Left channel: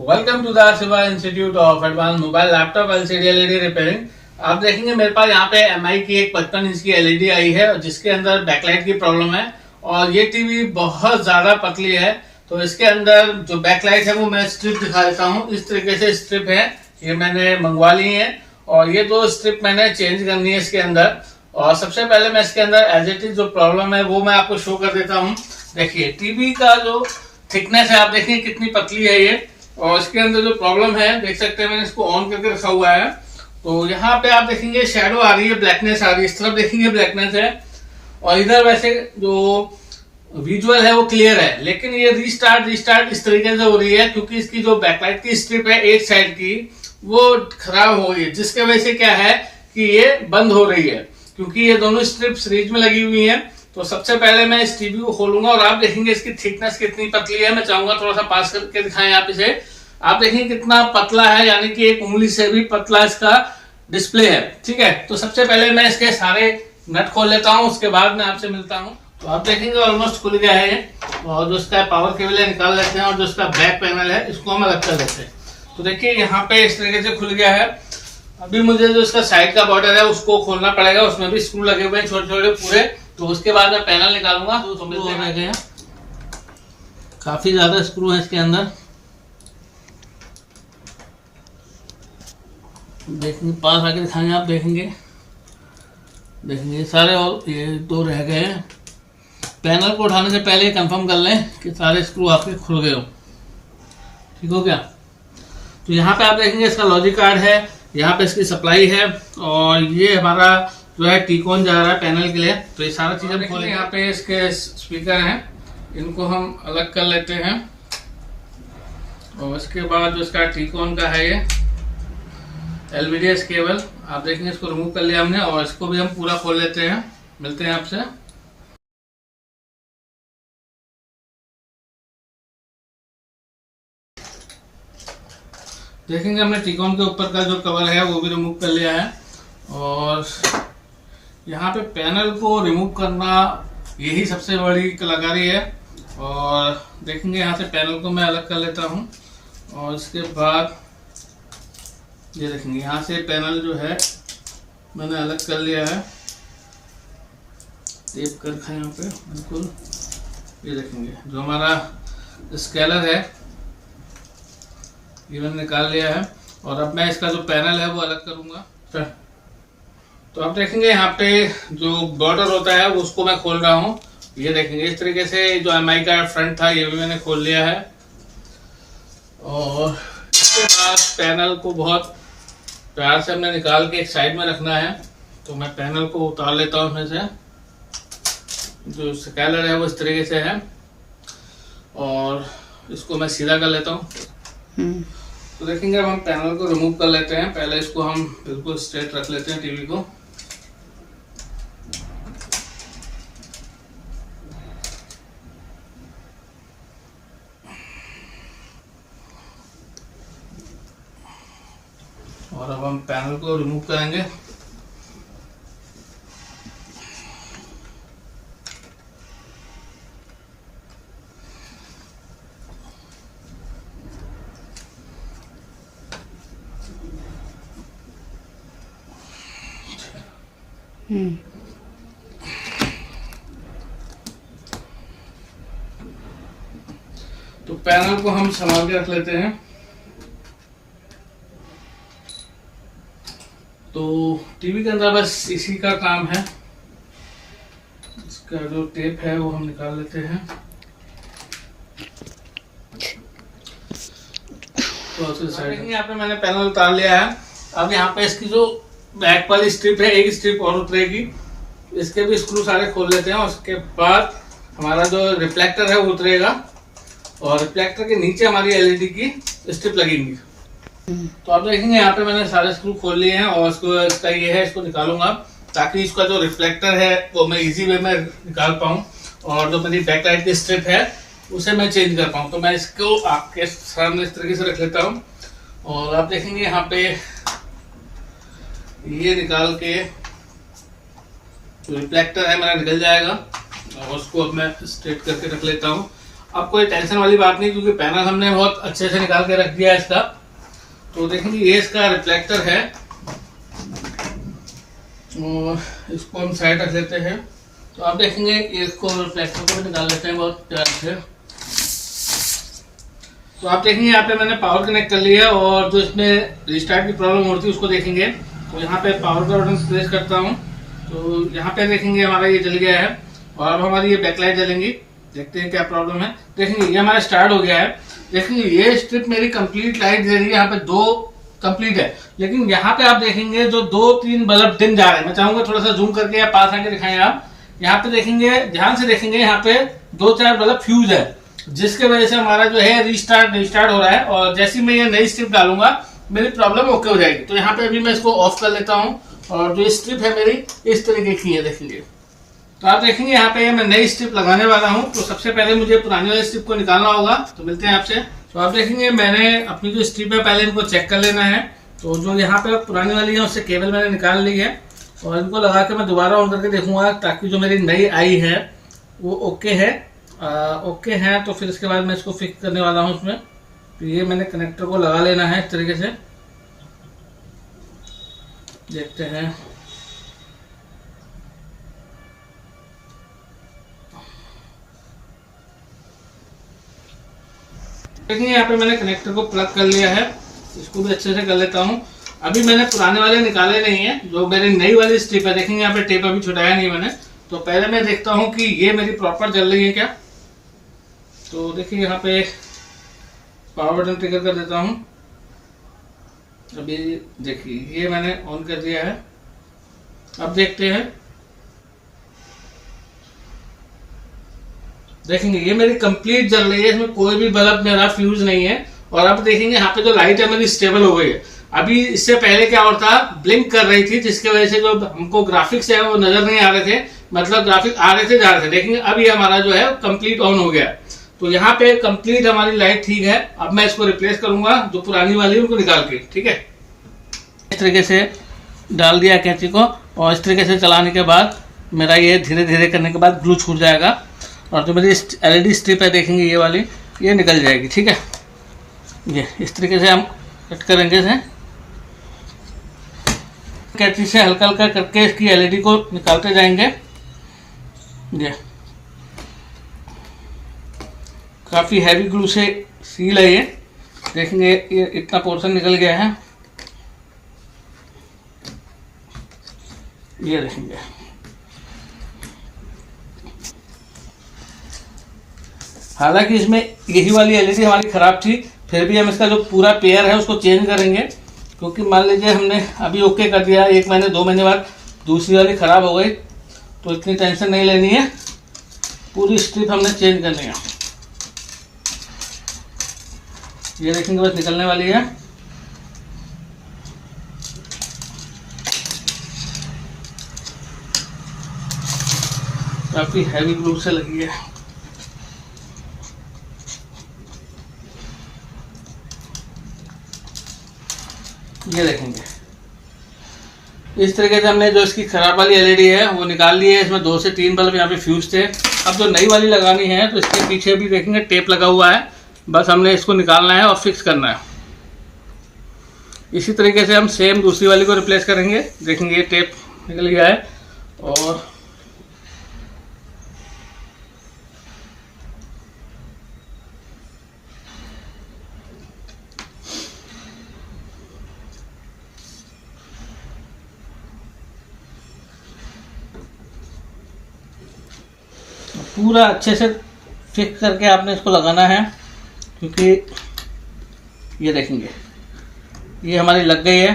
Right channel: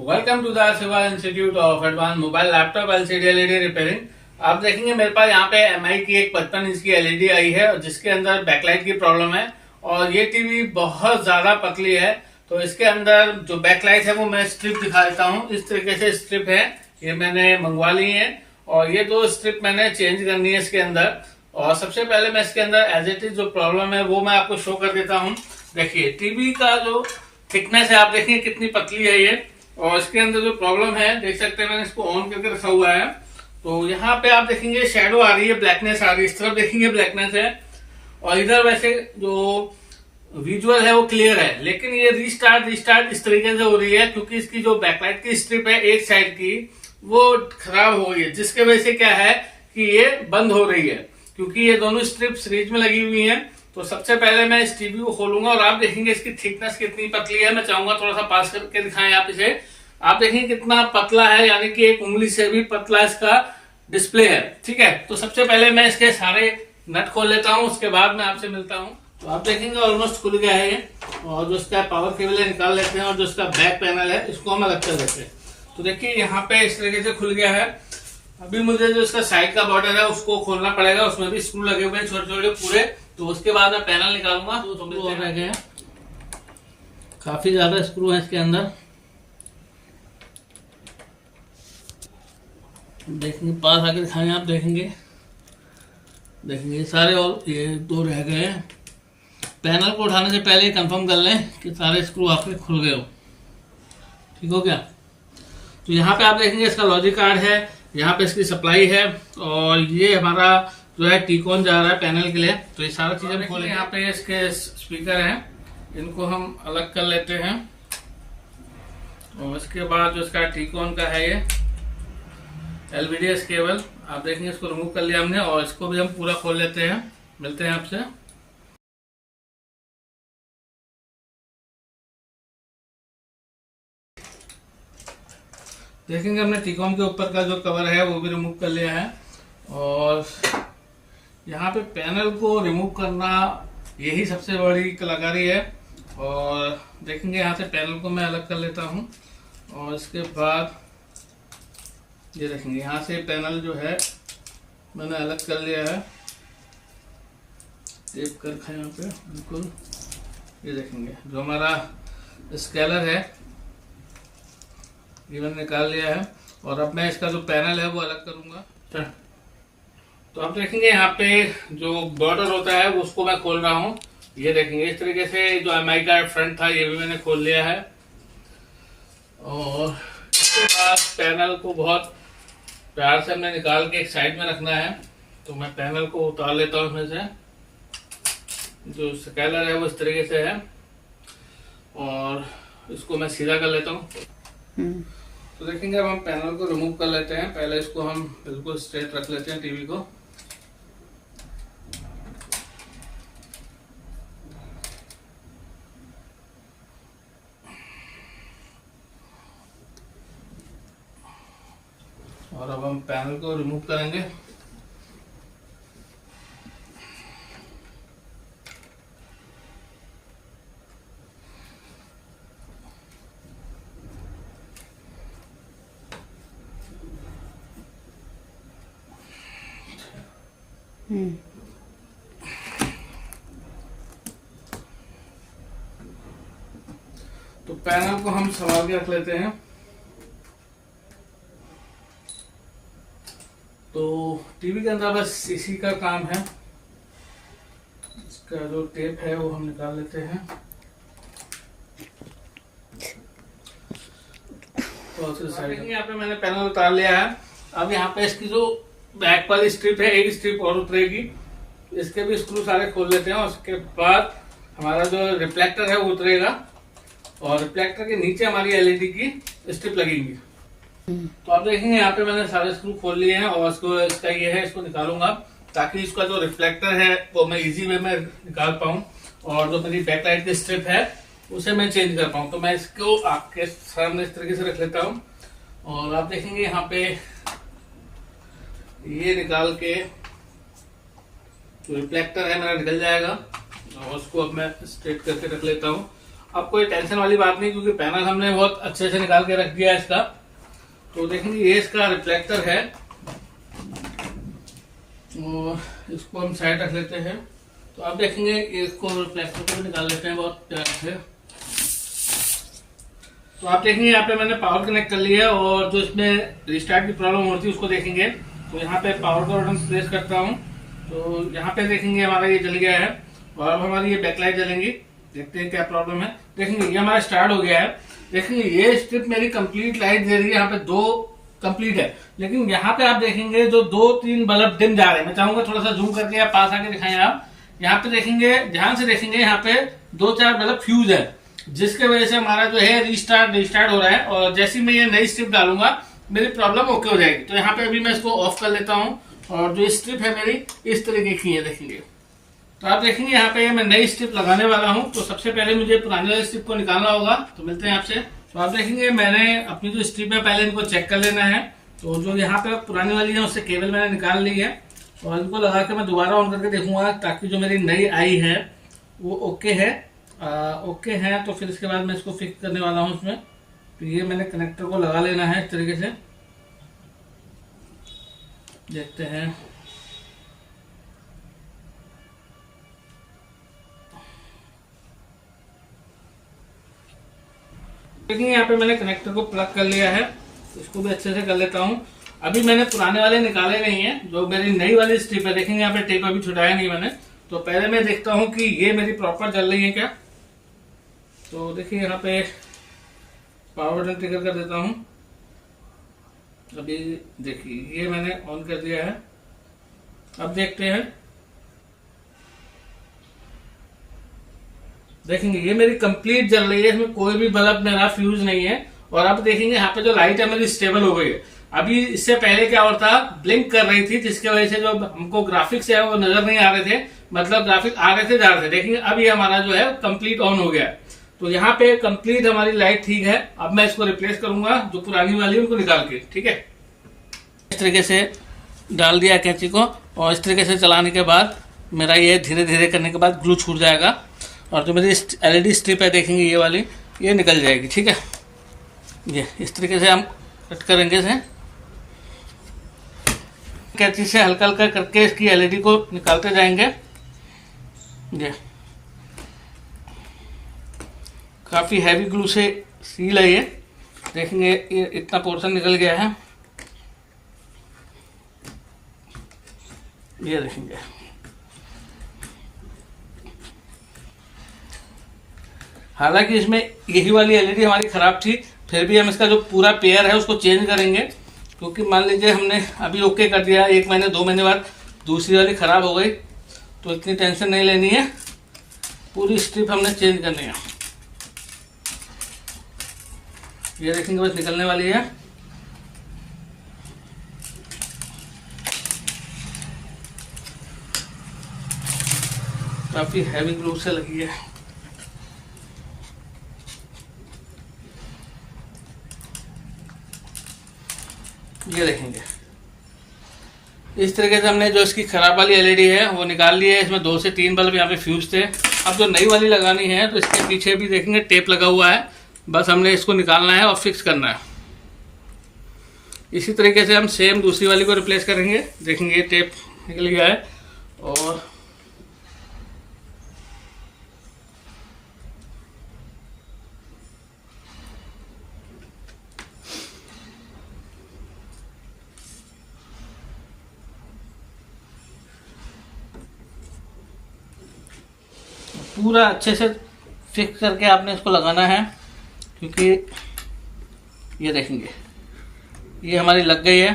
Welcome to the Shiva institute of advance mobile laptop LCD LED repairing. आप देखेंगे मेरे पास यहाँ पे एमआई की एक 55 इंच की एलईडी आई है और जिसके अंदर बैकलाइट की प्रॉब्लम है और ये टीवी बहुत ज्यादा पतली है। तो इसके अंदर जो बैकलाइट है वो मैं स्ट्रिप दिखा देता हूँ। इस तरीके से स्ट्रिप है, ये मैंने मंगवा ली है और ये दो स्ट्रिप मैंने चेंज करनी है इसके अंदर। और सबसे पहले मैं इसके अंदर एज इट इज जो प्रॉब्लम है वो मैं आपको शो कर देता हूँ। देखिए टीवी का जो थिकनेस है आप देखिए कितनी पतली है ये, और इसके अंदर जो प्रॉब्लम है देख सकते हैं मैंने इसको ऑन करके रखा हुआ है। तो यहाँ पे आप देखेंगे शेडो आ रही है, ब्लैकनेस आ रही है, इस तरफ देखेंगे ब्लैकनेस है और इधर वैसे जो विजुअल है वो क्लियर है, लेकिन ये रीस्टार्ट इस तरीके से हो रही है क्योंकि इसकी जो बैकलाइट की स्ट्रिप है एक साइड की वो खराब हो गई है, जिसके वजह से क्या है कि ये बंद हो रही है क्योंकि ये दोनों स्ट्रिप सीरीज में लगी हुई है। तो सबसे पहले मैं इस टीवी को खोलूंगा और आप देखेंगे इसकी थिकनेस कितनी पतली है। मैं चाहूंगा थोड़ा सा पास करके दिखाएं आप इसे। आप देखेंगे कितना पतला है, यानी कि एक उंगली से भी पतला इसका डिस्प्ले है। ठीक है, तो सबसे पहले मैं इसके सारे नट खोल लेता हूं, उसके बाद मैं आपसे मिलता हूं। तो आप देखेंगे ऑलमोस्ट खुल गया है और जो इसका पावर केबल है निकाल लेते हैं और जो इसका बैक पैनल है इसको हम अलग कर लेते हैं। तो देखिए यहाँ पे इस तरीके से खुल गया है। अभी मुझे जो इसका साइड का बॉर्डर है उसको खोलना पड़ेगा, उसमें भी स्क्रू लगे हुए हैं छोटे छोटे पूरे। तो उसके बाद मैं पैनल निकालूंगा। तो रह गए हैं, काफी ज्यादा स्क्रू है इसके अंदर। देखेंगे पास आके दिखाएंगे, आप देखेंगे सारे, और ये दो रह गए हैं। पैनल को उठाने से पहले कंफर्म कर लें कि सारे स्क्रू आपके खुल गए हो। ठीक हो गया। तो यहाँ पे आप देखेंगे इसका लॉजिक कार्ड है, यहाँ पे इसकी सप्लाई है और ये हमारा जो है टीकॉन जा रहा है पैनल के लिए। तो ये सारा चीज़ हम खोलें। यहाँ पे इसके स्पीकर हैं, इनको हम अलग कर लेते हैं और उसके बाद जो इसका टीकॉन का है ये एलवीडीएस केबल, आप देखेंगे इसको रिमूव कर लिया हमने और इसको भी हम पूरा खोल लेते हैं। मिलते हैं आपसे। देखेंगे हमने टीकॉन के ऊपर का जो कवर है वो भी रिमूव कर लिया है और यहाँ पे पैनल को रिमूव करना यही सबसे बड़ी कलाकारी है। और देखेंगे यहाँ से पैनल को मैं अलग कर लेता हूँ और इसके बाद ये देखेंगे यहाँ से पैनल जो है मैंने अलग कर लिया है, टेप कर रखा है यहाँ पे बिल्कुल। ये देखेंगे जो हमारा स्केलर है ये मैंने निकाल लिया है और अब मैं इसका जो पैनल है वो अलग करूँगा। तो आप देखेंगे यहाँ पे जो बॉर्डर होता है वो उसको मैं खोल रहा हूँ। ये देखेंगे इस तरीके से जो एमआई का फ्रंट था ये भी मैंने खोल लिया है और इसके बाद पैनल को बहुत प्यार से हमने निकाल के एक साइड में रखना है। तो मैं पैनल को उतार लेता हूँ इसमें से। जो स्केलर है वो इस तरीके से है और इसको मैं सीधा कर लेता हूँ। तो देखेंगे अब हम पैनल को रिमूव कर लेते हैं। पहले इसको हम बिल्कुल स्ट्रेट रख लेते हैं टीवी को। और अब हम पैनल को रिमूव करेंगे। तो पैनल को हम संभाल के रख लेते हैं। तो टीवी के अंदर बस इसी का काम है। इसका जो टेप है वो हम निकाल लेते हैं। तो यहाँ पे मैंने पैनल उतार लिया है। अब यहाँ पे इसकी जो बैक वाली स्ट्रिप है एक स्ट्रिप और उतरेगी, इसके भी स्क्रू सारे खोल लेते हैं। उसके बाद हमारा जो रिफ्लेक्टर है वो उतरेगा और रिफ्लेक्टर के नीचे हमारी एलईडी की स्ट्रिप लगेंगी। तो आप देखेंगे यहाँ पे मैंने सारे स्क्रू खोल लिए हैं और इसका ये है, इसको निकालूंगा ताकि इसका जो रिफ्लेक्टर है वो मैं इजी वे में निकाल पाऊँ और जो मेरी बैक लाइट की स्ट्रिप है उसे मैं चेंज कर पाऊँ। तो मैं इसको आपके सामने इस तरीके से रख लेता हूँ और आप देखेंगे यहाँ पे ये निकाल के जो रिफ्लेक्टर है मेरा निकल जाएगा और उसको अब मैं स्ट्रेट करके रख लेता हूँ। अब कोई टेंशन वाली बात नहीं, क्योंकि पैनल हमने बहुत अच्छे से निकाल के रख दिया है इसका। तो देखेंगे ये इसका रिफ्लेक्टर है, और इसको हम साइड रख लेते हैं। तो आप देखेंगे इसको रिफ्लेक्टर को भी निकाल लेते हैं बहुत प्यार से। तो आप देखेंगे यहाँ पे मैंने पावर कनेक्ट कर लिया, और जो इसमें रिस्टार्ट की प्रॉब्लम हो रही थी उसको देखेंगे। तो यहाँ पे पावर का बटन प्रेस करता हूँ, तो यहाँ पे देखेंगे हमारा ये जल गया है, और अब हमारी ये बैकलाइट जलेंगी। देखते हैं क्या प्रॉब्लम है। देखेंगे ये हमारा स्टार्ट हो गया है। देखेंगे ये स्ट्रिप मेरी कंप्लीट लाइट दे रही है, यहाँ पे 2 कंप्लीट है, लेकिन यहाँ पे आप देखेंगे जो 2-3 बल्ब डिम जा रहे हैं। मैं चाहूंगा थोड़ा सा जूम करके या पास आके दिखाएं आप। यहाँ पे देखेंगे, ध्यान से देखेंगे, यहाँ पे 2-4 बल्ब फ्यूज है, जिसके वजह से हमारा जो है रिस्टार्ट हो रहा है। और जैसे ही मैं ये नई स्ट्रिप डालूंगा मेरी प्रॉब्लम ओके हो जाएगी। तो यहाँ पे अभी मैं इसको ऑफ कर लेता हूँ, और जो स्ट्रिप है मेरी इस तरीके की है, देखेंगे। तो आप देखेंगे यहाँ पे मैं नई स्ट्रिप लगाने वाला हूँ। तो सबसे पहले मुझे पुरानी वाली स्ट्रिप को निकालना होगा, तो मिलते हैं आपसे। तो आप देखेंगे मैंने अपनी जो स्ट्रिप है पहले इनको चेक कर लेना है। तो जो यहाँ पे पुरानी वाली है उससे केबल मैंने निकाल ली है, और इनको लगा के मैं दोबारा ऑन करके देखूंगा, ताकि जो मेरी नई आई है वो ओके है। ओके है, तो फिर इसके बाद मैं इसको फिक्स करने वाला हूँ उसमें। तो ये मैंने कनेक्टर को लगा लेना है इस तरीके से, देखते हैं। देखिए यहाँ पे मैंने कनेक्टर को प्लग कर लिया है, इसको भी अच्छे से कर लेता हूँ। अभी मैंने पुराने वाले निकाले नहीं है, जो मेरी नई वाली स्ट्रिप है। देखेंगे यहाँ पे टेप अभी छुटाया नहीं मैंने। तो पहले मैं देखता हूँ कि ये मेरी प्रॉपर जल रही है क्या। तो देखिए यहाँ पे पावर बटन ट्रिगर कर देता हूँ। अभी देखिए ये मैंने ऑन कर दिया है, अब देखते हैं। देखेंगे ये मेरी कंप्लीट जल रही है, इसमें कोई भी बल्ब मेरा फ्यूज नहीं है। और अब देखेंगे यहाँ पे जो लाइट है मेरी स्टेबल हो गई है। अभी इससे पहले क्या होता, ब्लिंक कर रही थी, जिसकी वजह से जो हमको ग्राफिक्स है वो नजर नहीं आ रहे थे, मतलब ग्राफिक आ रहे थे जा रहे थे। देखेंगे अब ये हमारा जो है कंप्लीट ऑन हो गया। तो यहाँ पे कंप्लीट हमारी लाइट ठीक है। अब मैं इसको रिप्लेस करूंगा, जो पुरानी वाली उनको निकाल के, ठीक है। इस तरीके से डाल दिया कैंची को, और इस तरीके से चलाने के बाद मेरा ये धीरे धीरे करने के बाद ग्लू छूट जाएगा, और जो मेरी LED स्ट्रिप है देखेंगे ये वाली, ये निकल जाएगी, ठीक है। ये इस तरीके से हम कट करेंगे इसे, कैंची से हल्का हल्का करके इसकी LED को निकालते जाएंगे। ये काफ़ी हैवी ग्लू से सील है ये, देखेंगे ये इतना पोर्शन निकल गया है, ये देखेंगे। हालांकि इसमें यही वाली LED हमारी ख़राब थी, फिर भी हम इसका जो पूरा पेयर है उसको चेंज करेंगे, क्योंकि मान लीजिए हमने अभी ओके कर दिया, 1 महीने 2 महीने बाद दूसरी वाली ख़राब हो गई, तो इतनी टेंशन नहीं लेनी है, पूरी स्ट्रिप हमने चेंज करनी है। ये देखेंगे बस निकलने वाली है। काफ़ी हैवी ग्लू से लगी है। ये देखेंगे इस तरीके से हमने जो इसकी खराब वाली LED है वो निकाल ली है। इसमें 2 से 3 बल्ब यहाँ पे फ्यूज थे। अब जो नई वाली लगानी है तो इसके पीछे भी देखेंगे टेप लगा हुआ है, बस हमने इसको निकालना है और फिक्स करना है। इसी तरीके से हम सेम दूसरी वाली को रिप्लेस करेंगे। देखेंगे ये टेप निकल गया है, और पूरा अच्छे से फिक्स करके आपने इसको लगाना है, क्योंकि ये देखेंगे ये हमारी लग गई है।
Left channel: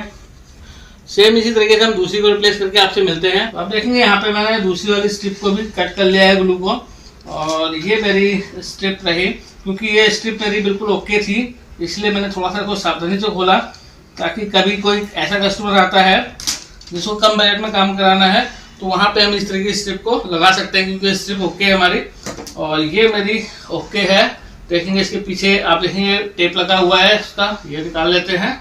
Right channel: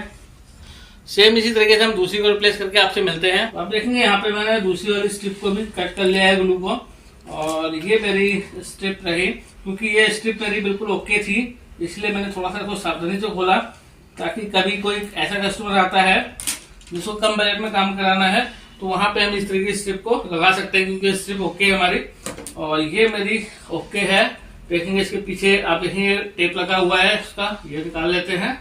सेम इसी तरीके से हम दूसरी को रिप्लेस करके आपसे मिलते हैं। तो आप देखेंगे यहाँ पे मैंने दूसरी वाली स्ट्रिप को भी कट कर लिया है ग्लू को, और ये मेरी स्ट्रिप रही, क्योंकि ये स्ट्रिप मेरी बिल्कुल ओके थी, इसलिए मैंने थोड़ा सा इसको सावधानी से खोला, ताकि कभी कोई ऐसा कस्टमर आता है जिसको कम बजट में काम कराना है तो वहाँ पे हम इस तरीके की स्ट्रिप को लगा सकते हैं, क्योंकि स्ट्रिप ओके है हमारी। और ये मेरी ओके है। देखेंगे इसके पीछे आप देखेंगे टेप लगा हुआ है इसका, ये निकाल लेते हैं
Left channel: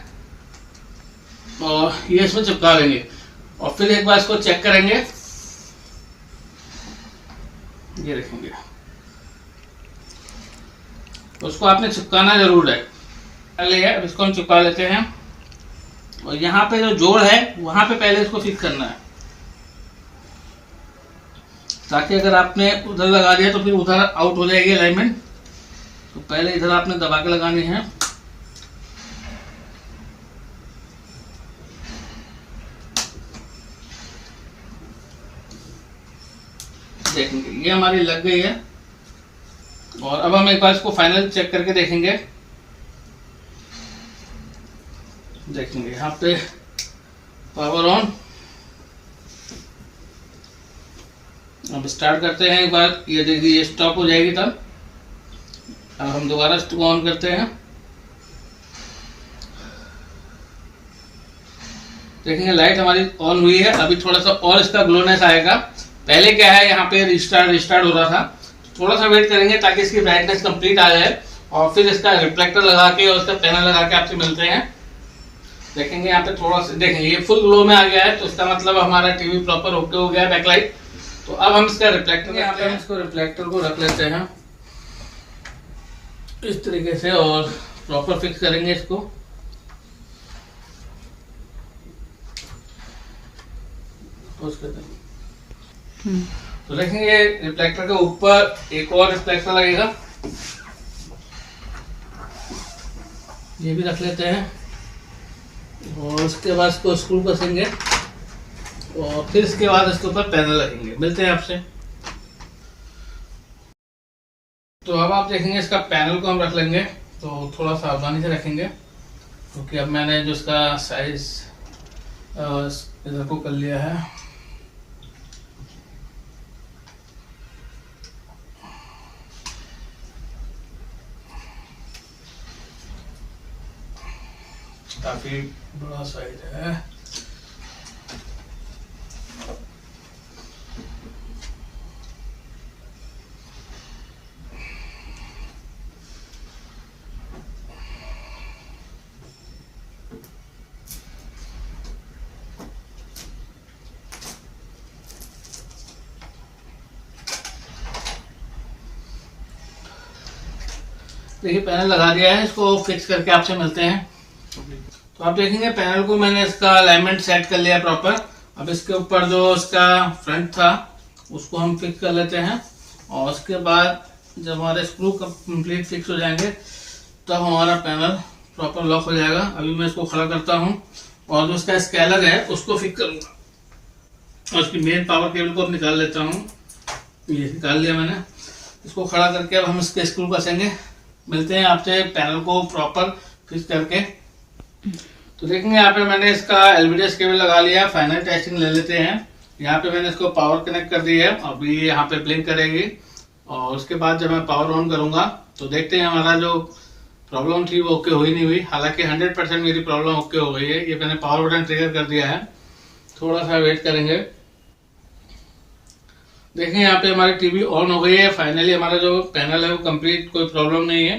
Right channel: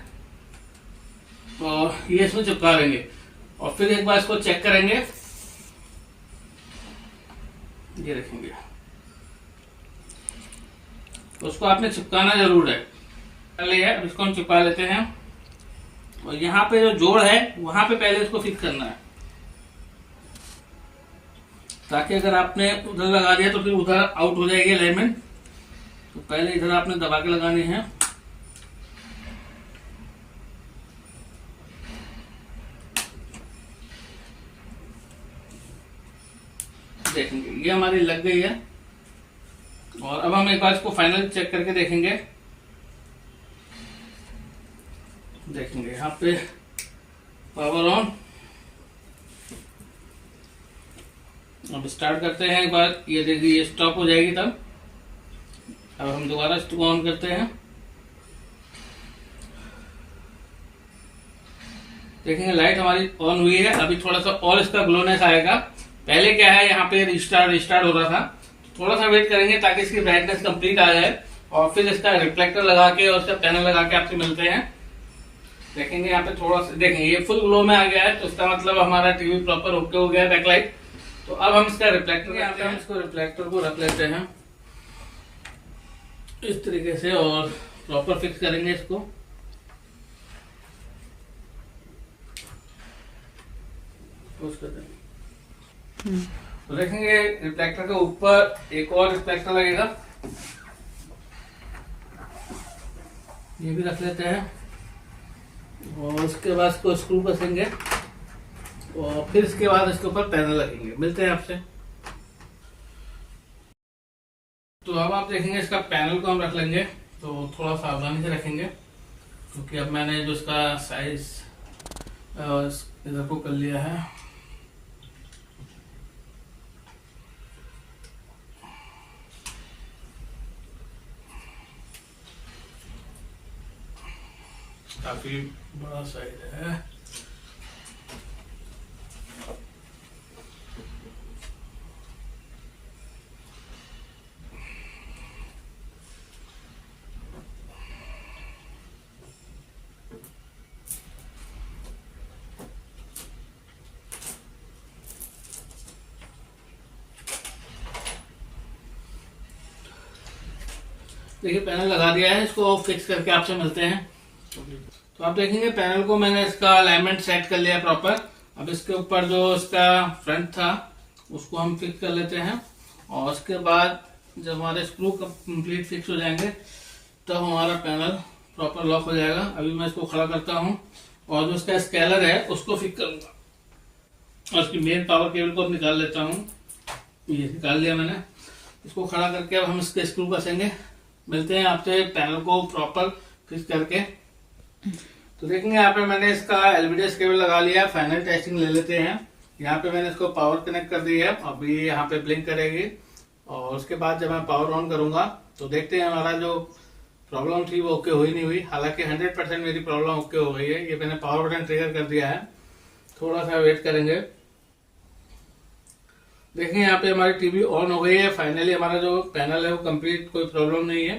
और ये इसमें चिपका देंगे, और फिर एक बार इसको चेक करेंगे। ये देखेंगे उसको आपने चिपकाना जरूर है। पहले है, अब इसको हम चिपका लेते हैं और यहाँ पे जो जोड़ है वहां पे पहले इसको फिक्स करना है, ताकि अगर आपने उधर लगा दिया तो फिर उधर आउट हो जाएगी अलाइनमेंट। तो पहले इधर आपने दबा के लगानी है। देखेंगे ये हमारी लग गई है और अब हम एक बार इसको फाइनल चेक करके देखेंगे। देखेंगे यहाँ पे पावर ऑन। अब स्टार्ट करते हैं एक बार, ये देखिए ये स्टॉप हो जाएगी तब। अब हम दोबारा इसको ऑन करते हैं। देखेंगे लाइट हमारी ऑन हुई है। अभी थोड़ा सा और इसका ग्लोनेस आएगा। पहले क्या है, यहाँ पे रिस्टार्ट हो रहा था। थोड़ा सा वेट करेंगे ताकि इसकी ब्राइटनेस कंप्लीट आ जाए और फिर इसका रिफ्लेक्टर लगा के और उसका पैनल लगा के आपसे मिलते हैं। देखेंगे यहाँ पे थोड़ा सा, देखेंगे ये फुल ग्लो में आ गया है, तो इसका मतलब हमारा टीवी प्रॉपर ओके हो गया बैकलाइट। तो अब हम इसका रिफ्लेक्टर, यहाँ पे हम इसको रिफ्लेक्टर को रख लेते हैं इस तरीके से और प्रॉपर फिक्स करेंगे इसको। तो देखेंगे रिफ्लेक्टर के ऊपर एक और रिफ्लेक्टर लगेगा, ये भी रख लेते हैं और उसके बाद इसको स्क्रू कसेंगे और फिर इसके बाद इसके ऊपर पैनल लगेंगे। मिलते हैं आपसे। तो अब आप देखेंगे इसका पैनल को हम रख लेंगे, तो थोड़ा सावधानी से रखेंगे क्योंकि अब मैंने जो इसका साइज इधर को कर लिया है। काफी बड़ा साइज है। देखिए पैनल लगा दिया है, इसको फिक्स करके आपसे मिलते हैं। तो आप देखेंगे पैनल को मैंने इसका अलाइनमेंट सेट कर लिया प्रॉपर। अब इसके ऊपर जो इसका फ्रंट था उसको हम फिक्स कर लेते हैं और उसके बाद जब हमारे स्क्रू कंप्लीट फिक्स हो जाएंगे तब हमारा पैनल प्रॉपर लॉक हो जाएगा। अभी मैं इसको खड़ा करता हूँ और जो इसका स्केलर है उसको फिक्स करूँगा और उसकी मेन पावर केबल को निकाल लेता हूँ। ये निकाल लिया मैंने। इसको खड़ा करके अब हम इसके स्क्रू कसेंगे। मिलते हैं आपसे पैनल को प्रॉपर फिक्स करके। तो देखेंगे यहाँ पे मैंने इसका एलवीडीएस केबल लगा लिया। फाइनल टेस्टिंग ले लेते हैं। यहाँ पे मैंने इसको पावर कनेक्ट कर दी है, अभी यहाँ पे ब्लिंक करेगी और उसके बाद जब मैं पावर ऑन करूंगा तो देखते हैं हमारा जो प्रॉब्लम थी वो ओके हुई नहीं हुई। हालांकि 100% मेरी प्रॉब्लम ओके हो गई है। ये मैंने पावर बटन ट्रिगर कर दिया है। थोड़ा सा वेट करेंगे। देखिए यहाँ पे हमारी टीवी ऑन हो गई है। फाइनली हमारा जो पैनल है वो कंप्लीट, कोई प्रॉब्लम नहीं है।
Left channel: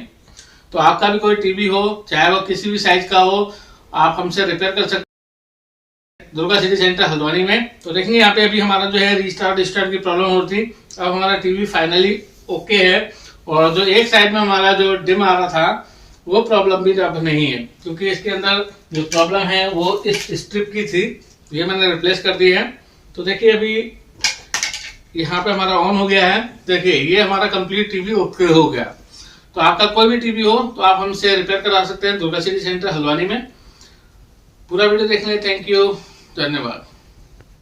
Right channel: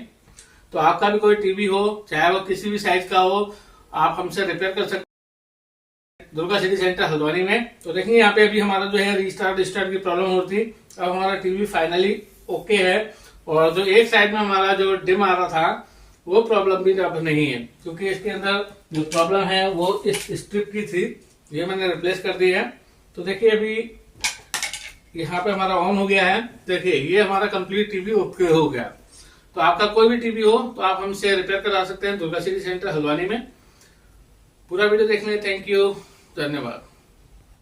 तो आपका भी कोई टीवी हो, चाहे वो किसी भी साइज का हो, आप हमसे रिपेयर कर सकते हैं दुर्गा सिटी सेंटर हल्द्वानी में। तो देखेंगे यहाँ पे अभी हमारा जो है रिस्टार्ट की प्रॉब्लम हो रही थी। अब हमारा टीवी फाइनली ओके है और जो एक साइड में हमारा जो डिम आ रहा था वो प्रॉब्लम भी अब नहीं है, क्योंकि इसके अंदर जो प्रॉब्लम है वो इस स्ट्रिप की थी, ये मैंने रिप्लेस कर दी है। तो देखिए अभी यहाँ पे हमारा ऑन हो गया है। देखिए ये हमारा कंप्लीट टीवी ओके हो गया। तो आपका कोई भी टीवी हो तो आप हमसे रिपेयर करा सकते हैं दुर्गा सिटी सेंटर हल्द्वानी में। पूरा वीडियो देखने थैंक यू, धन्यवाद।